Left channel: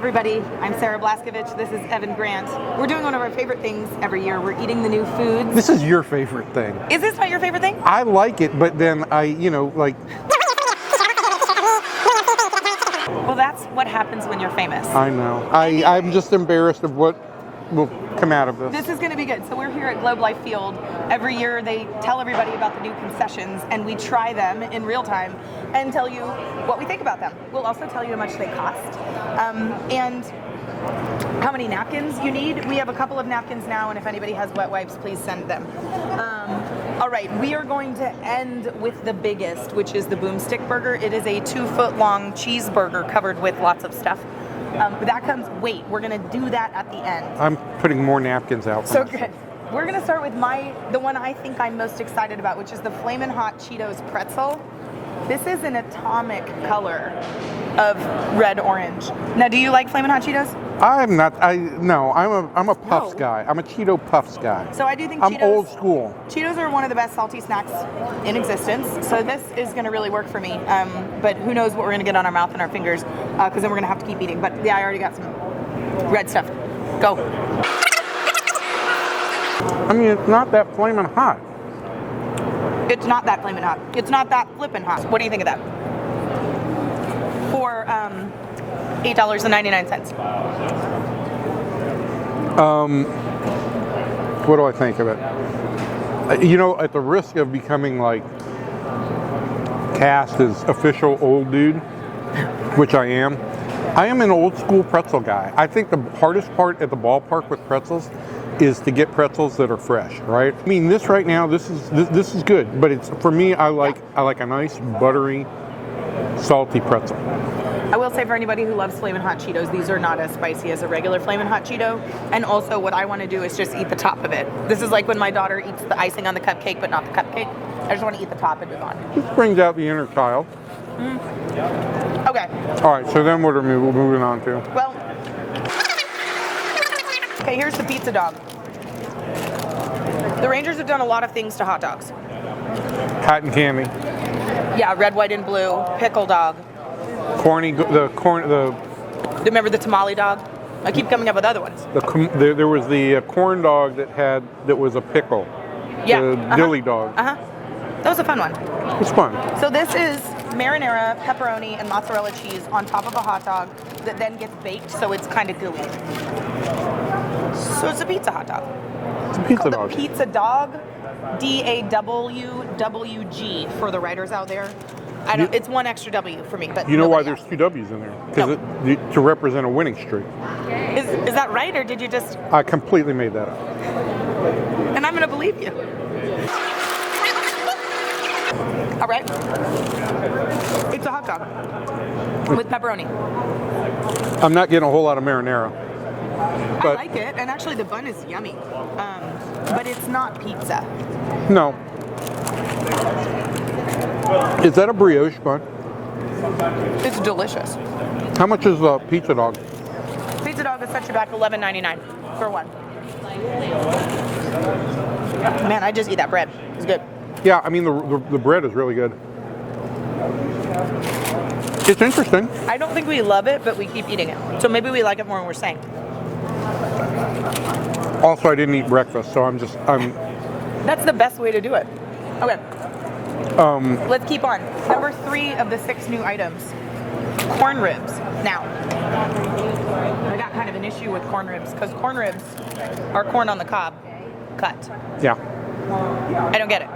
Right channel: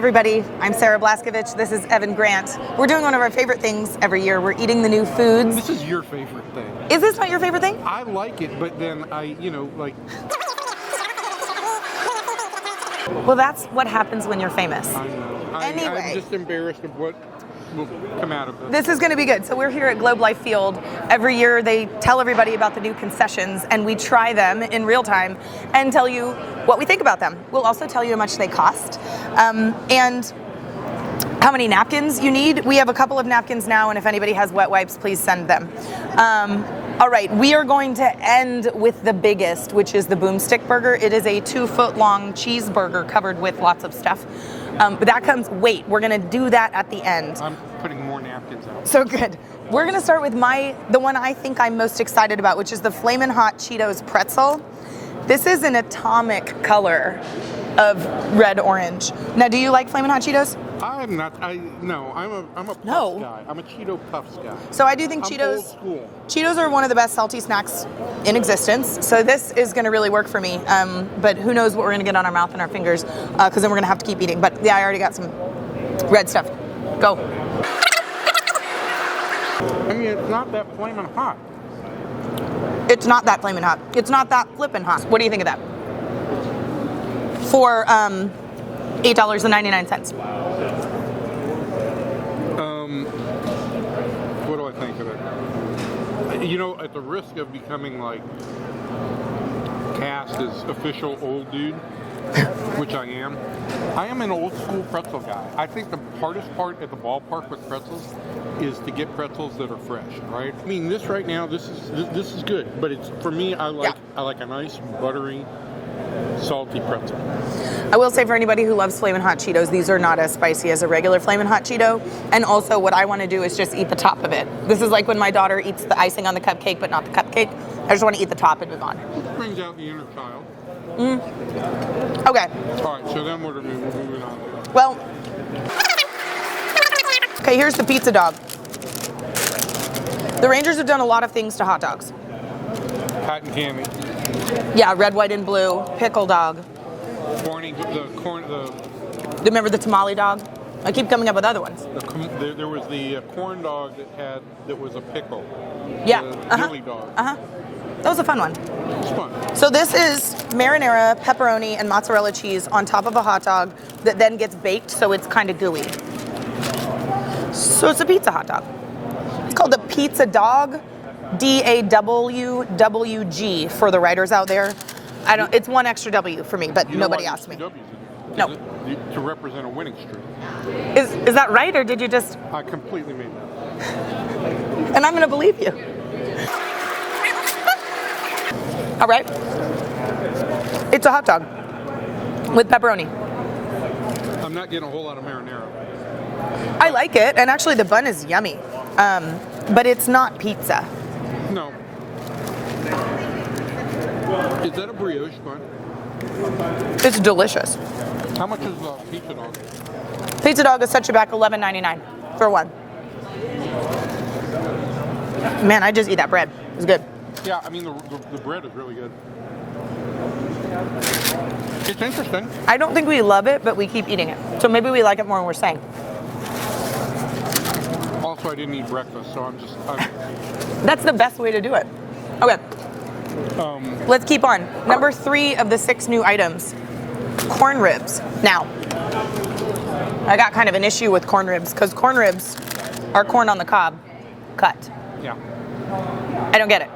everybody, I'm Sarah Blaskovich. This is Evan Grant. We're doing one of our favorite things every year. We're eating the new foods. This is your favorite thing. Is this not your favorite thing? I like it, but then like... Well, that's what happens when you're famous. I know. Anyway. I'm just embarrassed of what will come out of this. This is going to be good. So we're here at Globe Life Field. Every year they tell everybody about the new concessions, and we try them in real time and tell you what we think about them. We'll also tell you how much they cost and how many napkins you need. We have a couple of napkins now, and if anybody has wet wipes, please send them. All right, we are going to end with the biggest, which is the Boomstick Burger. It is a 2-foot-long cheeseburger covered with lots of stuff. But that comes, wait, we're gonna do that at the end. I'm putting more napkins out. So good. We're gonna start with the one I think I'm most excited about, which is the FLAMIN Hot Cheetos pretzel. This is an atomic color of red-orange. Now, do you like FLAMIN Hot Cheetos? I'm not, I'm a Puffs guy. I'm a Cheeto Puffs guy. So I do think I'm old school. Cheetos are one of the best salty snacks in existence. So this is gonna really work for me. But who knows what we're gonna get on our mouth and our fingers, because then we're gonna have to keep eating. But yeah, I already got some red stuff. Go. I mean, it's not that flaming hot. It's not that flaming hot. It's not that flippin' hot. What do you think of that? For $8.99. What do I think of it? You know, at the risk of becoming like cast as official old dude, which I am an old school pretzel guy. I think the hardest part at the ballpark with pretzels is to get pretzels that are fresh, right? I mean, this right now, this is good, but it's, for me, I like a nice buttery, salty pretzel. I will say, for anybody who loves FLAMIN Hot Cheetos, these are not as spicy as a regular FLAMIN Hot Cheeto. And also, what I want to do is just eat the top of it. This is like when my daughter eats the icing on the cupcake, but not the cupcake. I just want to eat the top and move on. It brings out the inner child. Okay. All right, so then what are we moving on to? Well, okay, here's the pizza dog. The Rangers have done a lot of things to hot dogs. Cotton candy. Yeah, red, white, and blue, pickle dog. Remember the tamale dog? I keep coming up with other ones. There was the corn dog that was a pickle. Yeah. The dilly dog. That was a fun one. It was fun. So this is marinara, pepperoni, and mozzarella cheese on top of a hot dog that then gets baked, so it's kind of gooey. So it's a pizza hot dog. It's called a pizza dog, DAWWG for the writers out there. It's one extra W for me, but you know nobody why asked there's me. two W's in there? Because to represent a winning streak. Is that right, or did you just? I completely made that up. And I'm going to believe you. All right. It's a hot dog with pepperoni. I'm not getting a whole lot of marinara. I like it, and actually the bun is yummy, but it's not pizza. No. Is that a brioche bun? It's delicious. How much is the pizza dog? Pizza dog is such a back $11.99 for one. Man, I just eat that bread. It's good. Yeah, I mean the bread is really good. It's interesting. I don't think we love it, but we keep eating it. So maybe we like it more than we're saying. Also, I didn't eat breakfast, so I'm. That's the best way to do it. Okay. Let's keep on. Number 3 of the 6 new items, corn ribs. Now, I got kind of an issue with corn ribs because corn ribs are corn on the cob cut. Yeah. I don't get it.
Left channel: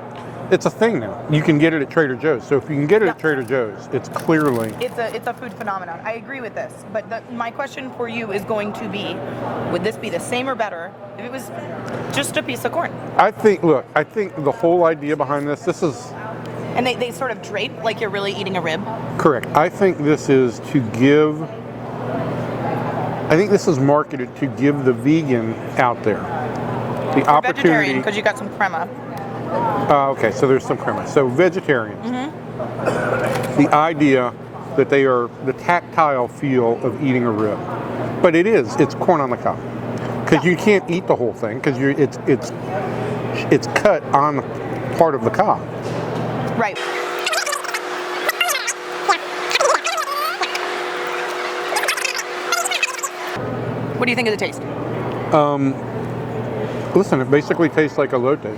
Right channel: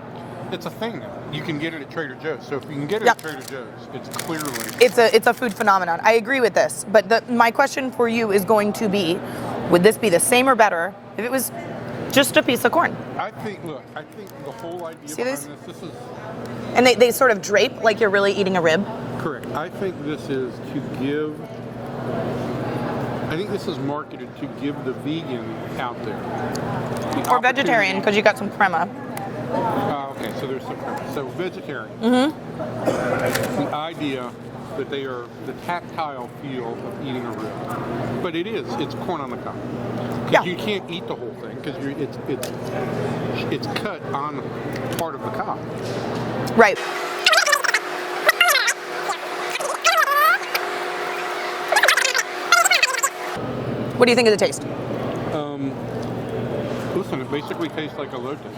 It's a thing now. You can get it at Trader Joe's. So if you can get it at Trader Joe's, it's clearly... It's a food phenomenon. I agree with this. But my question for you is going to be, would this be the same or better if it was just a piece of corn? I think the whole idea behind this is... And they sort of drape like you're really eating a rib? Correct. I think this is marketed to give the vegan out there the or opportunity... vegetarian, because you got some crema. Okay, so there's some crema. So vegetarian. The idea that they are the tactile feel of eating a rib. But it's corn on the cob. Because you can't eat the whole thing, because it's cut on part of the cob. Right. What do you think of the taste? Listen, it basically tastes like elotes.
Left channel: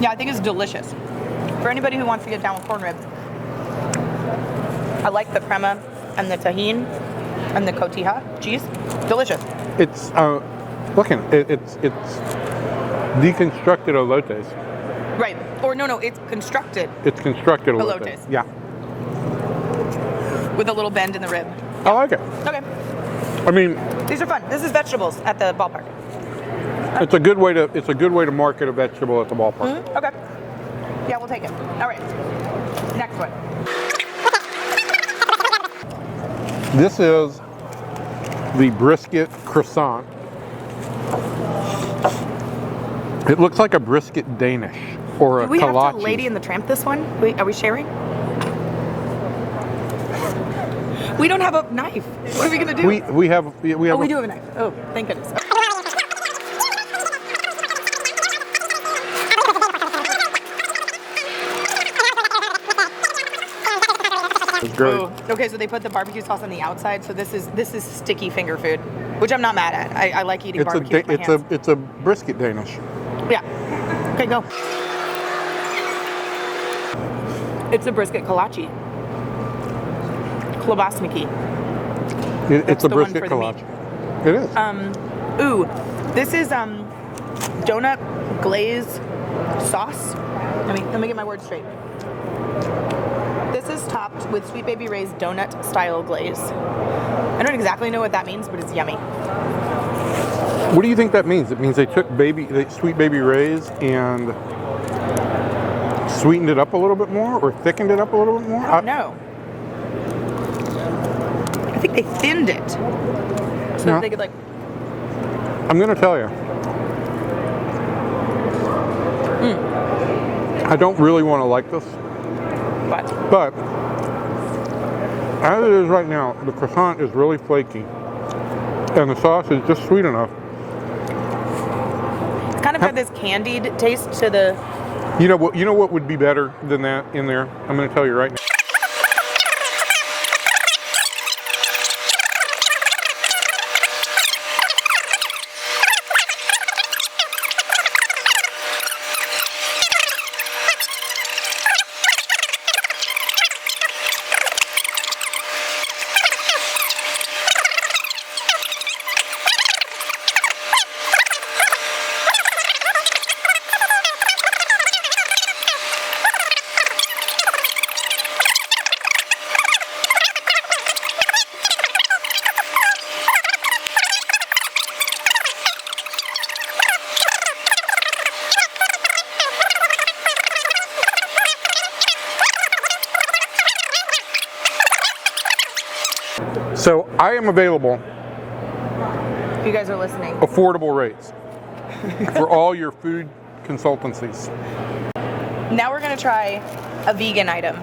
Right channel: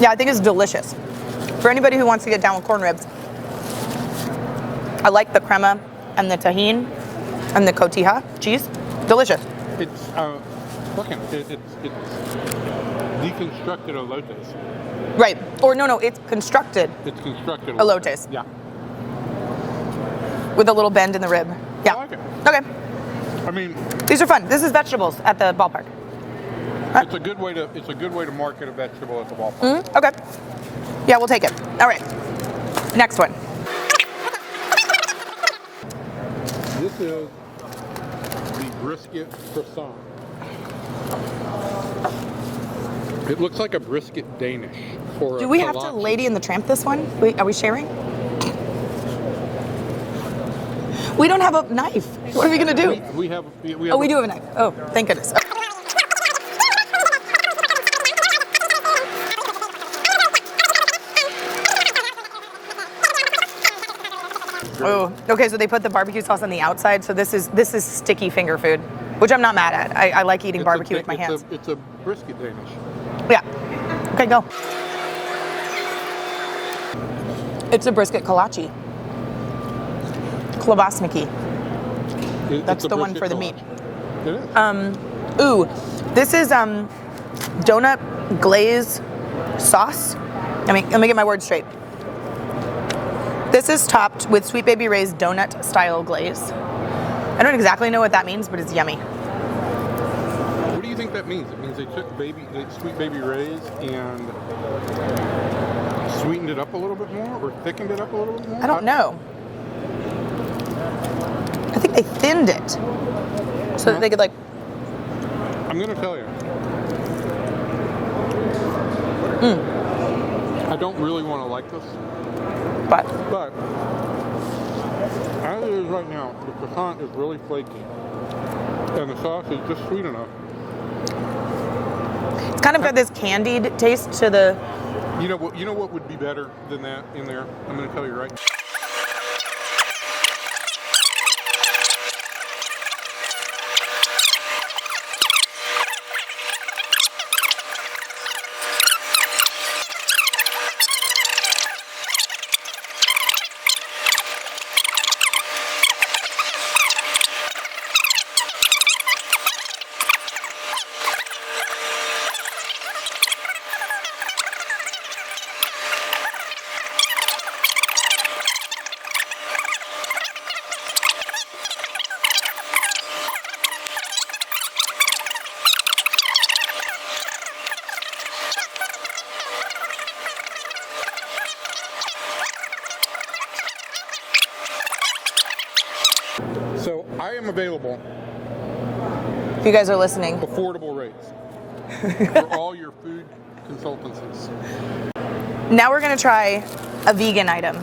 Yeah, I think it's delicious. For anybody who wants to get down with corn ribs, I like the crema and the tahini and the cotija cheese. Delicious. It's it's deconstructed elotes. Right. Or no, it's constructed. It's constructed Elotes. Yeah. With a little bend in the rib. I Yeah. like it. Okay. I mean, These are fun. This is vegetables at the ballpark. it's a good way to market a vegetable at the ballpark. Okay. Yeah, we'll take it. All right. Next one. This is the brisket croissant. It looks like a brisket Danish or a Do we have kolache. to Lady and the Tramp this one? Wait, are we sharing? We don't have a knife. What are we gonna do? We have. Oh, we do have a knife. Oh, thank goodness. Oh, okay. So they put the barbecue sauce on the outside. So this is sticky finger food, which I'm not mad at. I like eating barbecue with my hands. It's a brisket Danish. Yeah. Okay, go. It's a brisket kolache. Klobasniki. It's a the one brisket for the meat. kolache. It is. Ooh, this is donut glaze sauce. Let me get my words straight. This is topped with Sweet Baby Ray's donut style glaze. I don't exactly know what that means, but it's yummy. What do you think that means? It means they took Sweet Baby Ray's and sweetened it up a little bit more, or thickened it up a little bit more? I don't know. I think they thinned it so that they could like. I'm gonna tell you. I don't really want to like this, but as it is right now, the croissant is really flaky, and the sauce is just sweet enough. It's kind of got this candied taste to the. You know what would be better than that in there? I'm gonna tell you right now. So I am available. If you guys are listening. Affordable rates for all your food consultancies. Now we're gonna try a vegan item.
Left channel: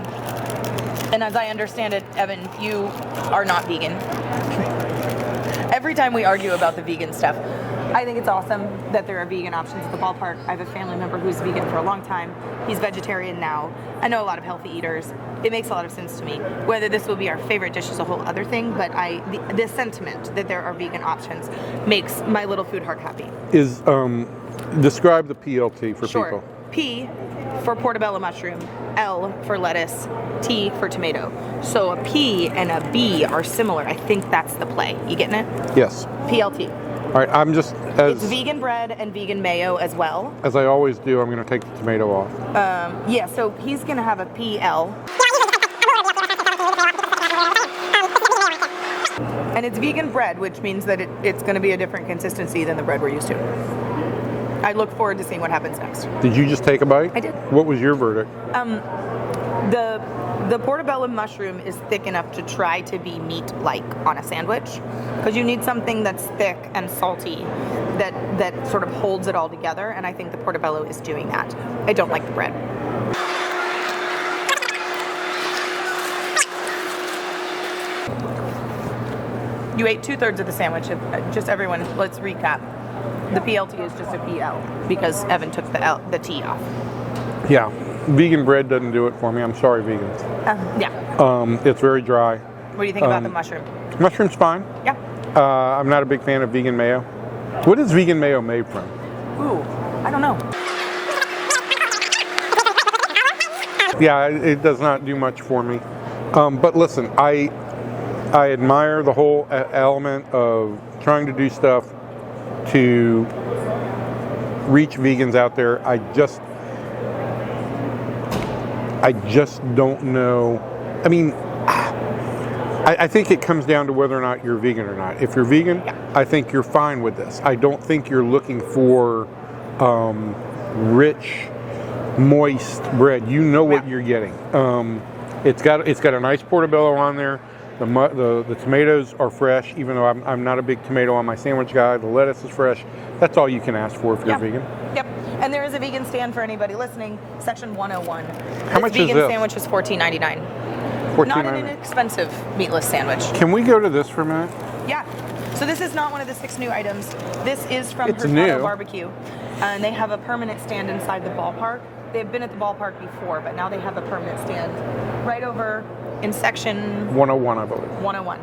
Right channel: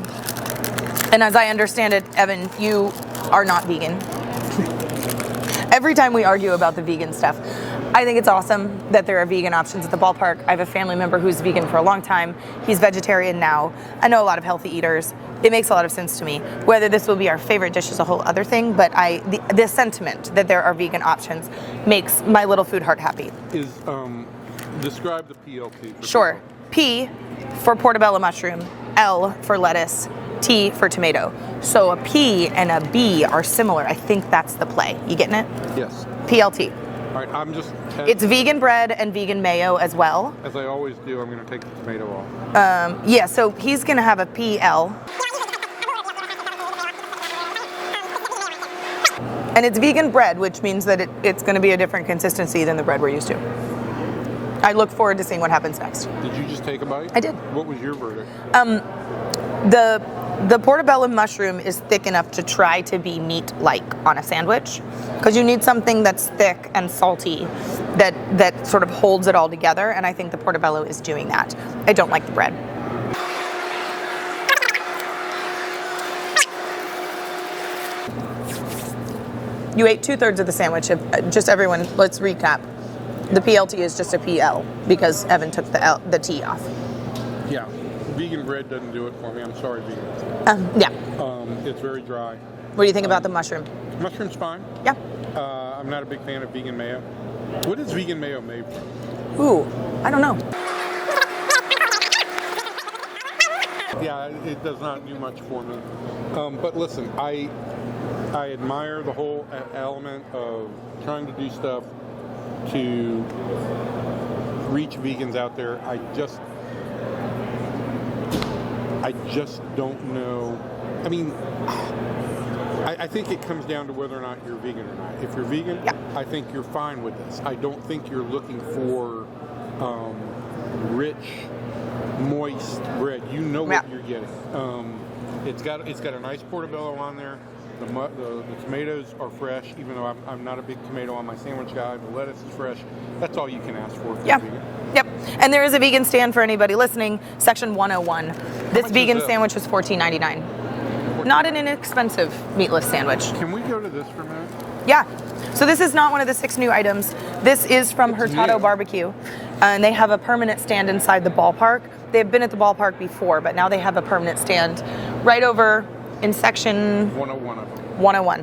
And as I understand it, Evan, you are not vegan. Every time we argue about the vegan stuff, I think it's awesome that there are vegan options at the ballpark. I have a family member who's vegan for a long time. He's vegetarian now. I know a lot of healthy eaters. It makes a lot of sense to me. Whether this will be our favorite dish is a whole other thing, but the sentiment that there are vegan options makes my little food heart happy. Describe the PLT for Sure. people. P for portobello mushroom, L for lettuce, T for tomato. So a P and a B are similar. I think that's the play. You getting it? Yes. PLT. All right, It's vegan bread and vegan mayo as well. As I always do, I'm going to take the tomato off. Yeah, so he's going to have a PL. And it's vegan bread, which means that it's going to be a different consistency than the bread we're used to. I look forward to seeing what happens next. Did you just take a bite? I did. What was your verdict? The portobello mushroom is thick enough to try to be meat-like on a sandwich, because you need something that's thick and salty that sort of holds it all together, and I think the portobello is doing that. I don't like the bread. You ate 2/3 of the sandwich. Just everyone, let's recap. The PLT is just a PL because Evan took the T off. Yeah. Vegan bread doesn't do it for me. I'm sorry, vegans. Yeah. It's very dry. What do you think about the mushroom? Mushroom's fine. Yeah. I'm not a big fan of vegan mayo. What is vegan mayo made from? Ooh, I don't know. Yeah, it does not do much for me. But listen, I admire the whole element of trying to do stuff to reach vegans out there. I just don't know. I mean, I think it comes down to whether or not you're vegan or not. If you're vegan, yeah. I think you're fine with this. I don't think you're looking for rich, moist bread. You know what you're getting. It's got a nice portobello on there. The tomatoes are fresh, even though I'm not a big tomato on my sandwich guy. The lettuce is fresh. That's all you can ask for if you're vegan. Yep. And there is a vegan stand for anybody listening. Section 101. This vegan sandwich was $14.99. Not an inexpensive meatless sandwich. Can we go to this for a minute? Yeah. So this is not one of the 6 new items. This is from HURTADO Barbecue. And they have a permanent stand inside the ballpark. They've been at the ballpark before, but now they have a permanent stand right over in section 101, I believe. 101,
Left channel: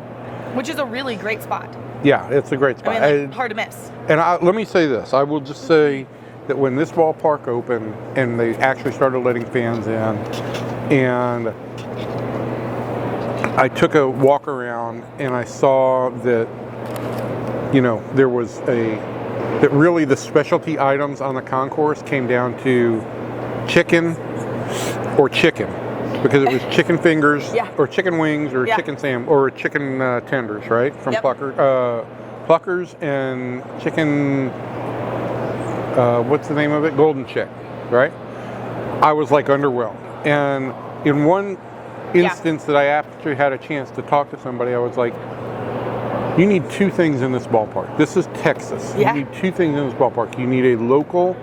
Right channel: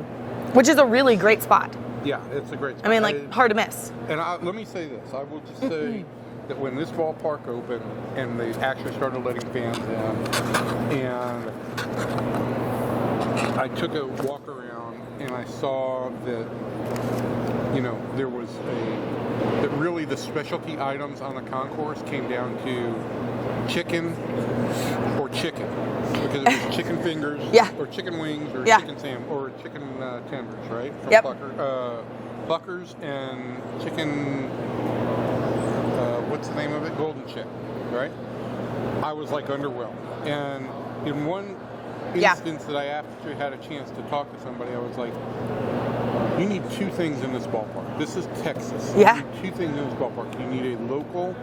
which is a really great spot. Yeah, it's a great spot. I mean, like, hard to miss. And let me say this. I will just say that when this ballpark opened and they actually started letting fans in, and I took a walk around and I saw that, you know, there was that really the specialty items on the concourse came down to chicken or chicken. Because it was chicken fingers, or chicken wings, or chicken chicken tenders, right? From Pluckers and chicken. What's the name of it? Golden Chick, right? I was like underwhelmed, and in one instance that I actually had a chance to talk to somebody, I was like, "You need 2 things in this ballpark. This is Texas. You need 2 things in this ballpark. You need a local,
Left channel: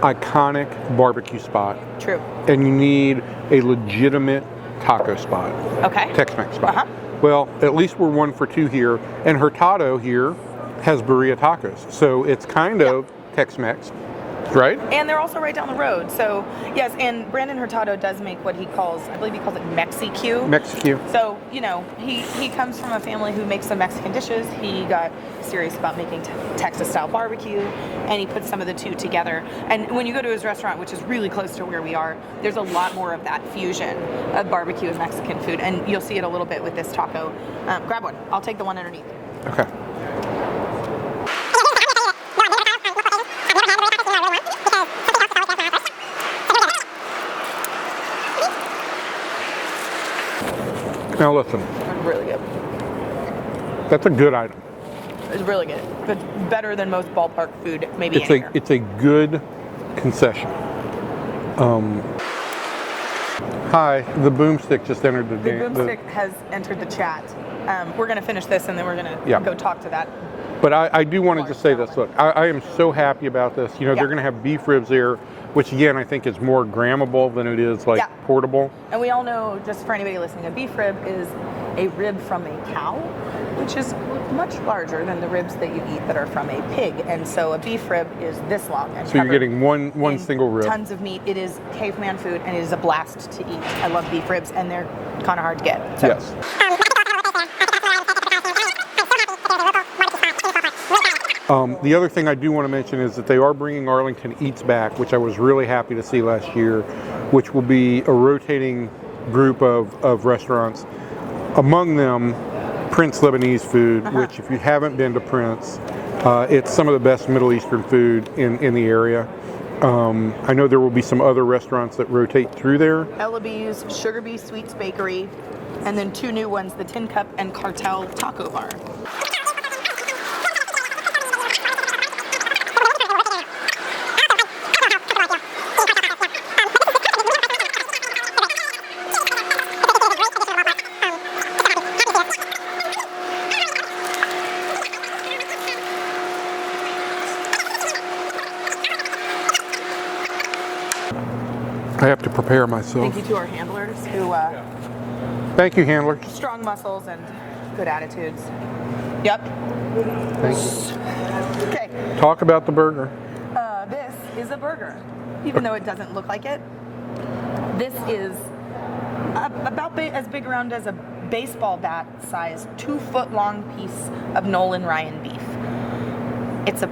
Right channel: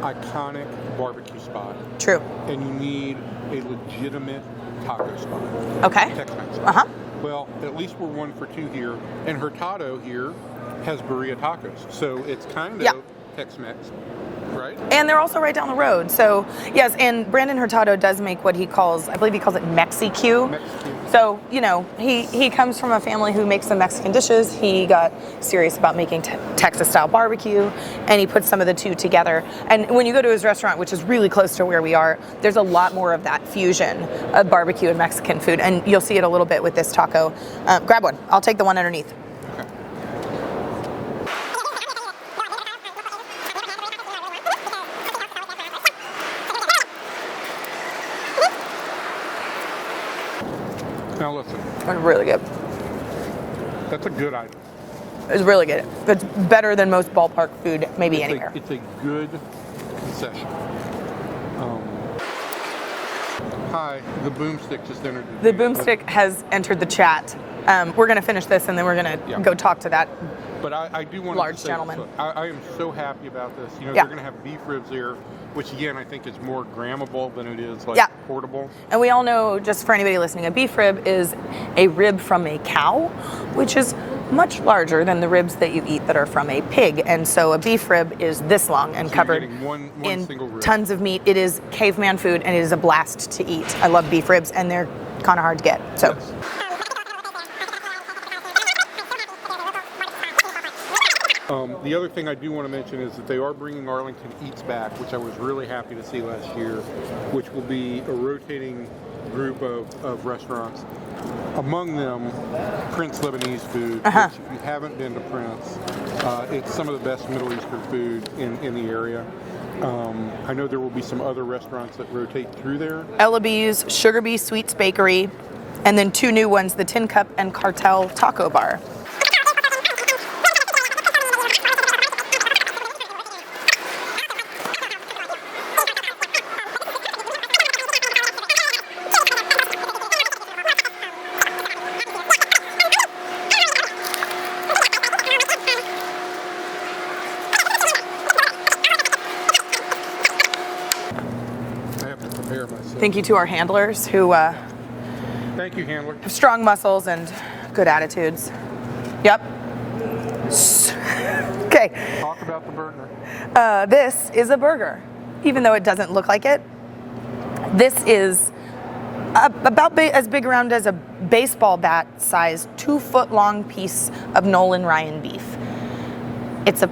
iconic barbecue spot. True. And you need a legitimate taco spot. Okay. Tex-Mex spot. Well, at least we're 1 for 2 here. And HURTADO here has BIRRIA tacos. So it's kind of Tex-Mex, right? And they're also right down the road. So, yes, and Brandon HURTADO does make what he calls, I believe he calls it Mexique. Mexique. So, you know, he comes from a family who makes some Mexican dishes. He got serious about making Texas-style barbecue, and he puts some of the 2 together. And when you go to his restaurant, which is really close to where we are, there's a lot more of that fusion of barbecue and Mexican food, and you'll see it a little bit with this taco. Grab one. I'll take the one underneath. Okay. Now listen. It's really good. That's a good item. It's really good. It's better than most ballpark food, maybe anywhere. It's a good concession. Hi, the Boomstick just entered the Boomstick has entered the chat. We're going to finish this and then we're going to go talk to that. But I do want to just say gentleman. this. Look, I am so happy about this. You know, they're going to have beef ribs there, which again I think is more grammable than it is like portable. And we all know, just for anybody listening, a beef rib is a rib from a cow, which is much larger than the ribs that you eat that are from a pig. And so a beef rib is this long and covered you're getting one single rib. Tons of meat. It is caveman food and it is a blast to eat. I love beef ribs and they're kind of hard to get. So. Yes. The other thing I do want to mention is that they are bringing Arlington Eats back, which I was really happy to see last year, which will be a rotating group of restaurants. Among them, Prince Lebanese food, which if you haven't been to Prince, it's some of the best Middle Eastern food in the area. I know there will be some other restaurants that rotate through there. Ella B's, Sugar Bee Sweets Bakery, and then 2 new ones, the Tin Cup and Cartel Taco Bar. I have to prepare myself. Thank you to our handlers who Thank you, handler. have strong muscles and good attitudes. Yep. Okay. Talk about the burger. This is a burger, even though it doesn't look like it. This is about as big around as a baseball bat size, 2-foot long piece of Nolan Ryan beef. It's a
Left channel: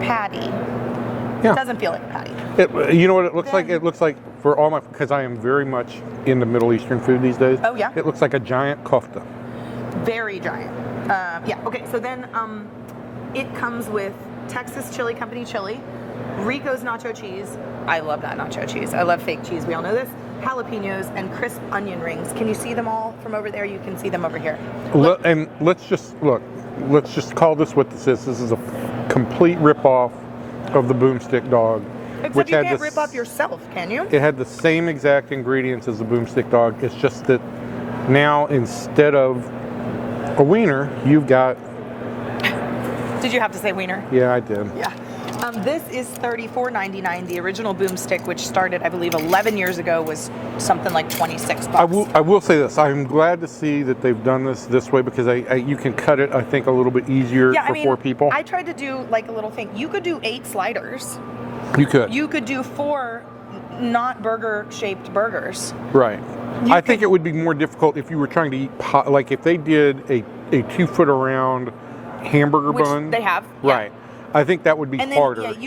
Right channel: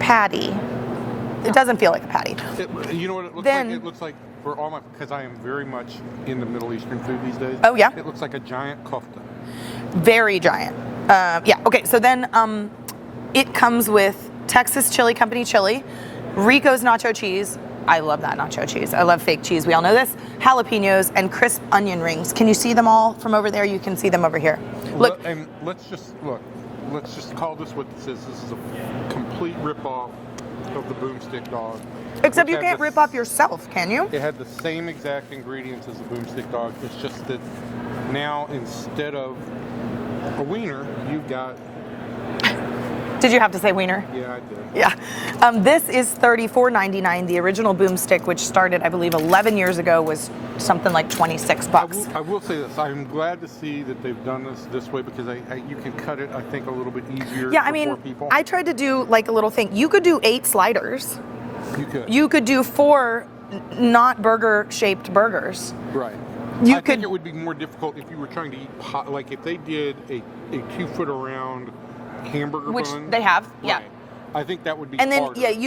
patty. Yeah. It doesn't feel like a patty. You know what it looks like? It looks like, for all my, because I am very much into Middle Eastern food these days. Oh, yeah? It looks like a giant kofta. Very giant. Yeah, okay, so then it comes with Texas Chili Company chili, Rico's nacho cheese. I love that nacho cheese. I love fake cheese. We all know this. Jalapenos and crisp onion rings. Can you see them all from over there? You can see them over here. Look. And let's just call this what this is. This is a complete rip-off of the Boomstick dog. Except you can't rip off yourself, can you? It had the same exact ingredients as the Boomstick dog. It's just that now, instead of a wiener, you've got... Did you have to say wiener? Yeah, I did. Yeah. This is $34.99. The original Boomstick, which started, I believe, 11 years ago, was something like $26. I will say this. I'm glad to see that they've done this way, because you can cut it, I think, a little bit easier for 4 people. I tried to do like a little thing. You could do 8 sliders. You could. You could do 4 not burger-shaped burgers. Right. I think it would be more difficult if you were trying to eat, like if they did a 2-foot around hamburger bun. Which they have. Yeah. Right. I think that would be harder. And then, yeah,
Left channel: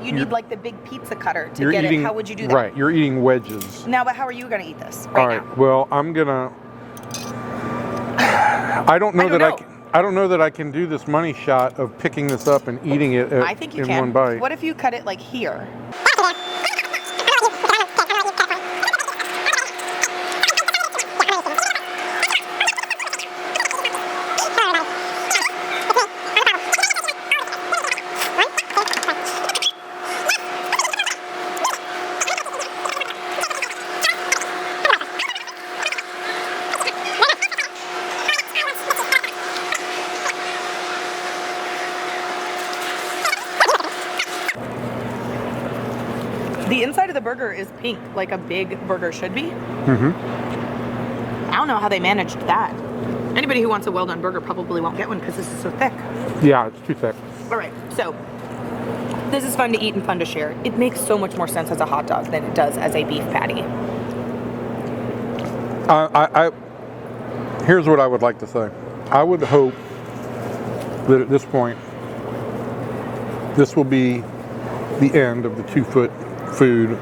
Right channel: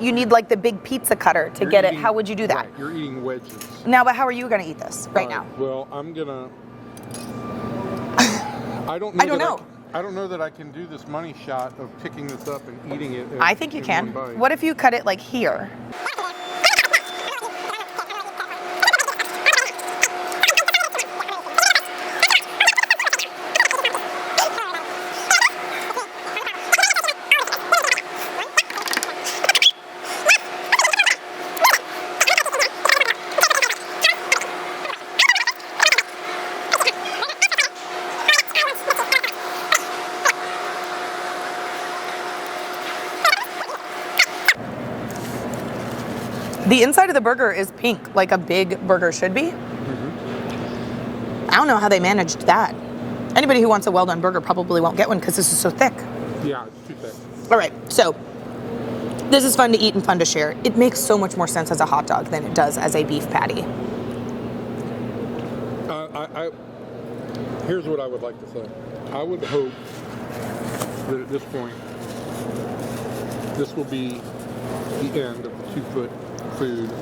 you need like the big pizza cutter to get it. How would you do that? Right. You're eating wedges. Now, but how are you going to eat this right now? Well, I'm gonna. I don't know that I can do this money shot of picking this up and eating it I think you in can. one bite. What if you cut it like here? The inside of the burger is pink, like a big burger should be. Mm-hmm. I don't know how they managed that. Anybody who wants a well-done burger probably won't get one because this is so thick. Yeah, it's too thick. All right, so this is fun to eat and fun to share. It makes so much more sense as a hot dog than it does as a beef patty. Here's what I would like to say. I would hope that at this point, this will be the end of the 2-foot food.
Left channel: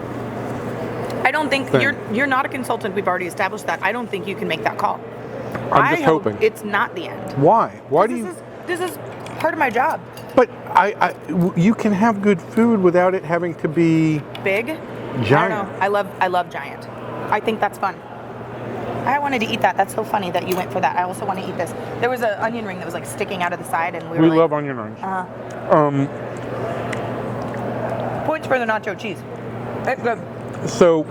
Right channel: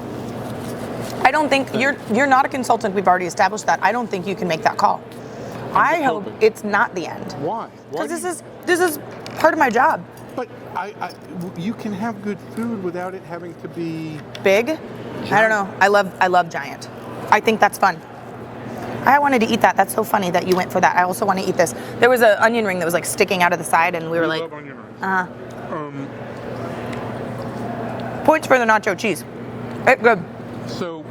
I don't think you're not a consultant. We've already established that. I don't think you can make that call. I'm just hoping it's not the end. Why? Why do this is part of my job. But you can have good food without it having to be big. Giant. I don't know. I love giant. I think that's fun. I wanted to eat that. That's so funny that you went for that. I also want to eat this. There was an onion ring that was like sticking out of the side, and we love onion rings. Points for the nacho cheese. It's good. So,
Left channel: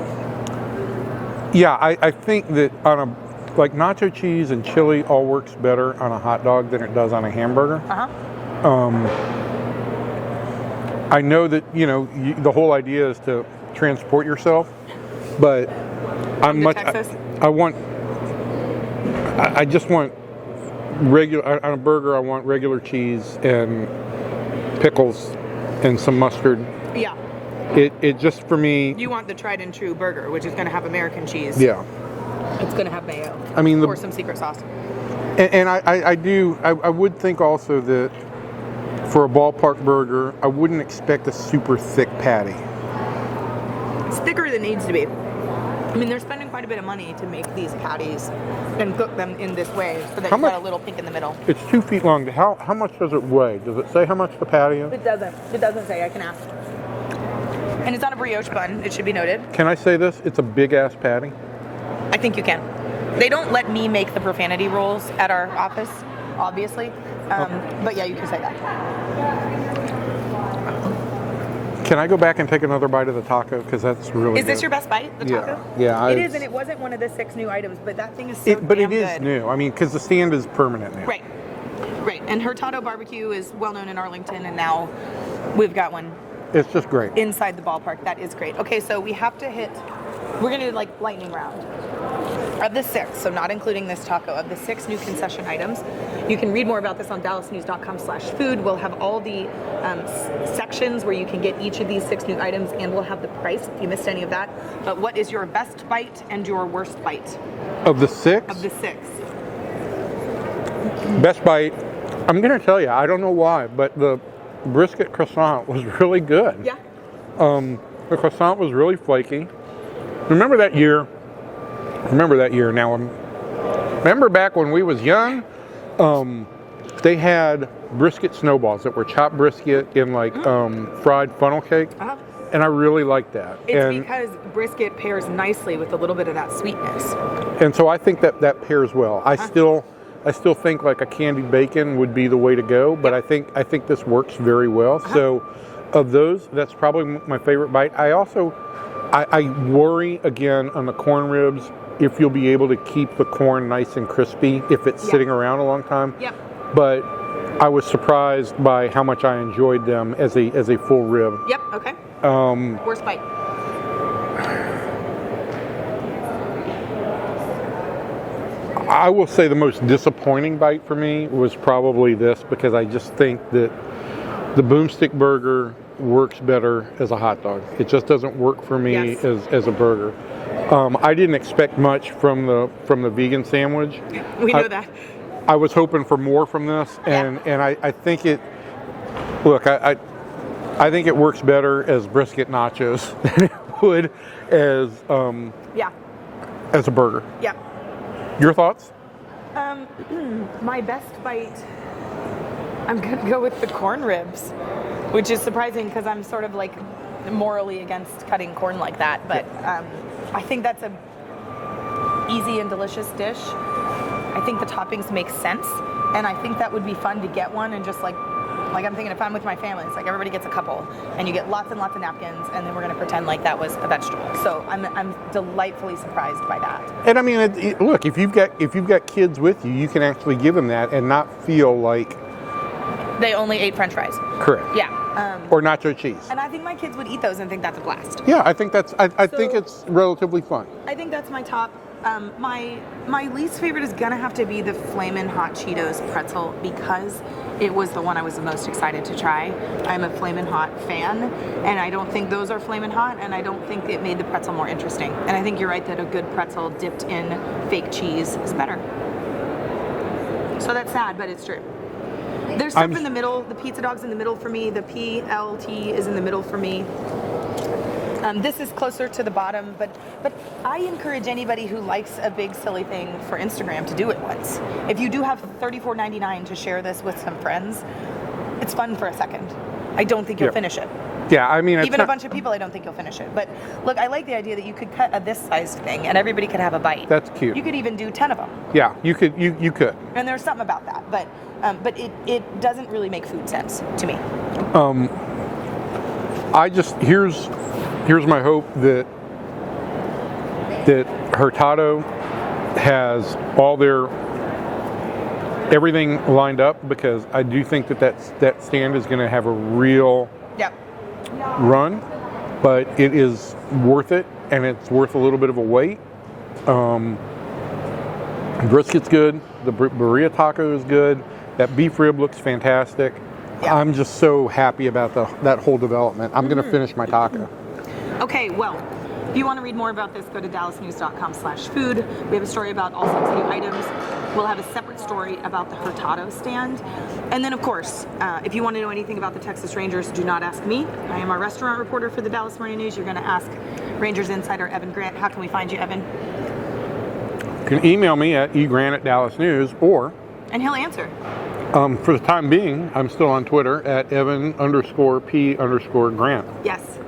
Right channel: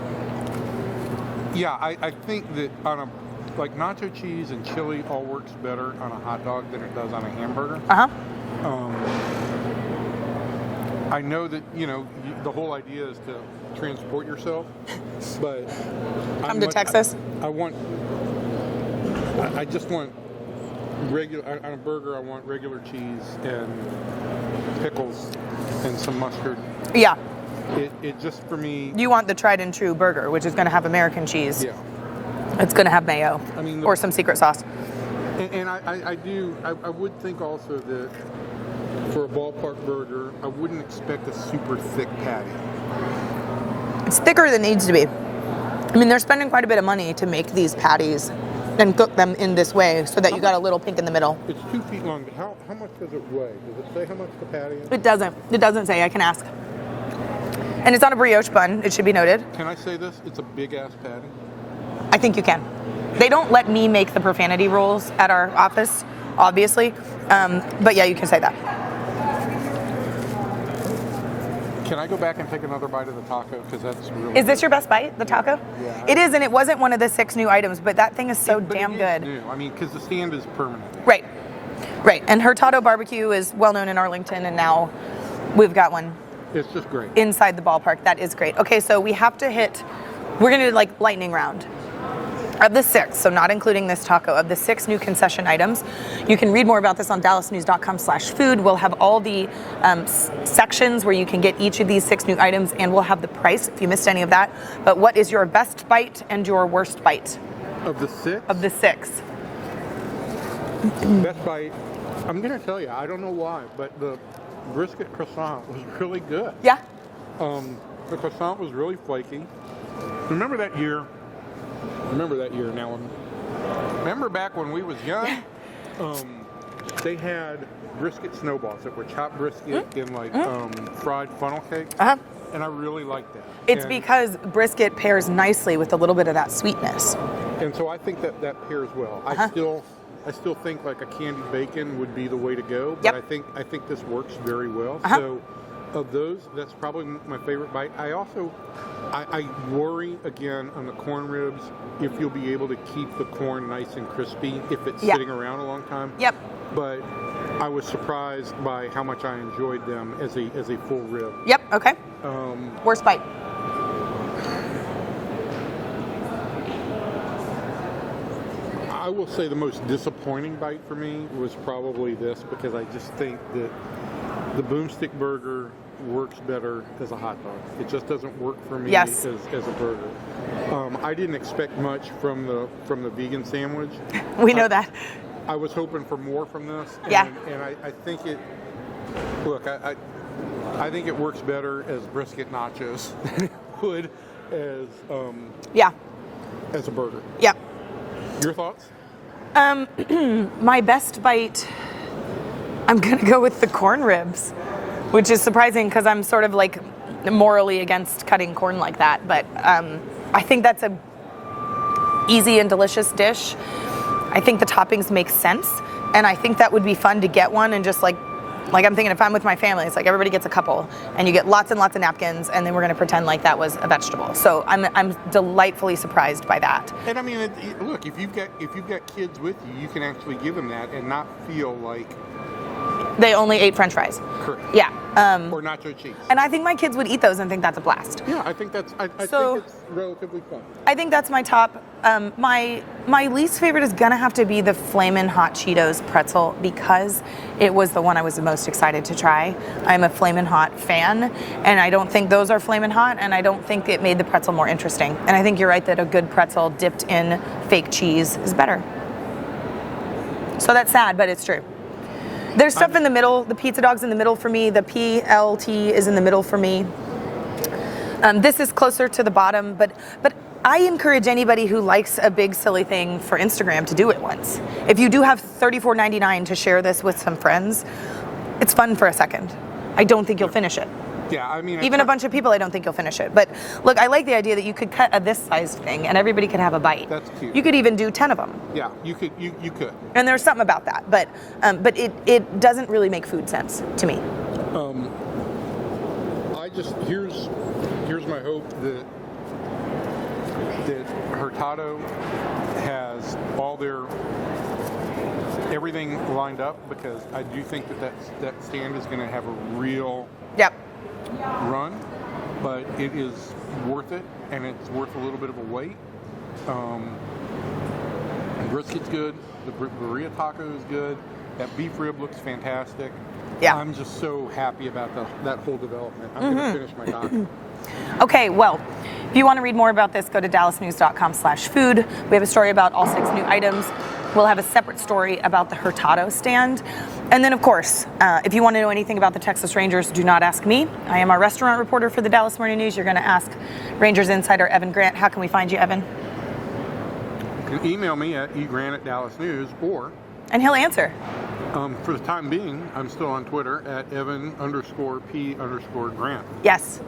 yeah, I think that on a, like, nacho cheese and chili all works better on a hot dog than it does on a hamburger. I know that, the whole idea is to transport yourself, but I'm to Texas? I just want regular, on a burger, I want regular cheese and pickles and some mustard. Yeah. It just, for me... You want the tried and true burger, which is going to have American cheese. Yeah. It's going to have mayo. I mean... or some secret sauce. And I would think also that for a ballpark burger, I wouldn't expect a super thick patty. It's thicker than it needs to be. I mean, they're spending quite a bit of money to make these patties and cook them in this way so that you've got a little pink in the middle. It's 2 feet long. How much does it weigh? Does it say how much the patty is? It doesn't. It doesn't say. I can ask. And it's on a brioche bun, it should be noted. Can I say this? It's a big-ass patty. I think you can. They don't let me make the profanity rules at our office, obviously. But yeah, you can say that. Can I go back and take another bite of the taco? Because that's really Is this your best bite, the taco? Yeah. It is, and it wasn't one of the 6 new items, but that thing is so damn good. But it is new. I mean, because the stand is permanent now. Right. Right. And HURTADO barbecue is well known in Arlington, and now we've got one. It's just great. Inside the ballpark. That is great. Okay, so we have to we're going to do like lightning round. Of the 6, so not including this taco, of the 6 new concession items, you can read more about this on dallasnews.com/food. We'll have all the sections where you can get each of these 6 new items, and we'll have the price if you missed any of that. But what is your best bite and your worst bite? Of the 6? Of the 6. Best bite. I'm gonna tell you, I don't know why, but the brisket croissant was really good. Yeah. The croissant was really flaky. Remember that year? Now, remember back when we was young? They had brisket snowballs that were chopped brisket in like fried funnel cake. And I really like that. It's because brisket pairs nicely with a little bit of that sweetness. And so I think that pairs well. I still think like a candied bacon would be the way to go, but I think this works very well. So of those, that's probably my favorite bite. I worry again on the corn ribs if you'll be able to keep the corn nice and crispy if it's sitting around a long time. Yep. But I was surprised by how much I enjoyed them as a full rib. Yep. Okay. Worst bite. I will say the most disappointing bite for me was probably this, because I just think that the Boomstick Burger works better as a hot dog. It just doesn't work for me as a burger. I didn't expect much from the vegan sandwich. We know that. I was hoping for more from this, and I think it. Look, I think it works better as brisket nachos than it would as a burger. Yeah. Your thoughts? My best bite, I'm gonna go with the corn ribs, which is surprising because I'm sort of like morally against cutting corn like that, but I think that's a easy and delicious dish. I think the toppings make sense, and I think that would be fun to get one and just like I'm thinking if I'm with my family, it's like everybody gets a couple, and you get lots and lots of napkins, and then we're gonna pretend like that was a vegetable. So I'm delightfully surprised by that. And I mean, look, if you've got kids with you, you can actually give them that and not feel like they only ate French fries. Correct. Yeah. Or nacho cheese. And I think my kids would eat those and think that's a blast. Yeah, I think that's. I think it's relatively fun. I think that's my top. My least favorite is gonna have to be the FLAMIN Hot Cheetos pretzel, because it was the one I was the most excited to try. I'm a FLAMIN Hot fan, and I don't think those are FLAMIN Hot, and I don't think it made the pretzel more interesting. And I think you're right that a good pretzel dipped in fake cheese is better. So that's sad, but it's true. There's stuff in the middle. The pizza dog's in the middle for me. The PLT is in the middle for me. This is closer to the bottom, but I encourage anybody who likes a big silly thing for Instagram to do it once. If you do have $34.99 to share this with some friends, it's fun for a second. I don't think you'll finish it. Yeah, I mean, even a bunch of people, I don't think you'll finish it. But look, I like the idea that you could cut a this sized thing and everybody can have a bite. That's cute. You could even do 10 of them. Yeah, you could. You could. And there's something about that, but it doesn't really make food sense to me. Here's my hope that HURTADO has everything lined up, because I do think that stand is going to have a real run, but it is worth it, and it's worth a little bit of a wait. Brisket's good. The BIRRIA taco is good. That beef rib looks fantastic. Yeah. I'm just so happy about that whole development. I'm going to finish my taco. Okay, well, if you want to read more about this, go to dallasnews.com/food. We have a story about all 6 new items. We'll have a separate story about the HURTADO stand. And then, of course, if you want to know anything about the Texas Rangers, do not ask me. I am our restaurant reporter for the Dallas Morning News. You're going to ask Rangers insider Evan Grant. How can we find you, Evan? You can email me at egrant@dallasnews, or... And he'll answer. For the time being, I'm still on Twitter at Evan_P_Grant. Yes.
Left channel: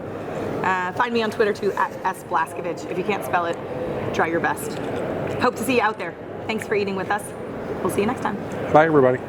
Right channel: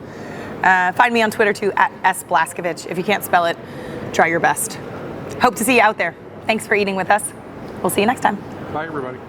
Find me on Twitter too at @sblaskovich. If you can't spell it, try your best. Hope to see you out there. Thanks for eating with us. We'll see you next time. Bye, everybody.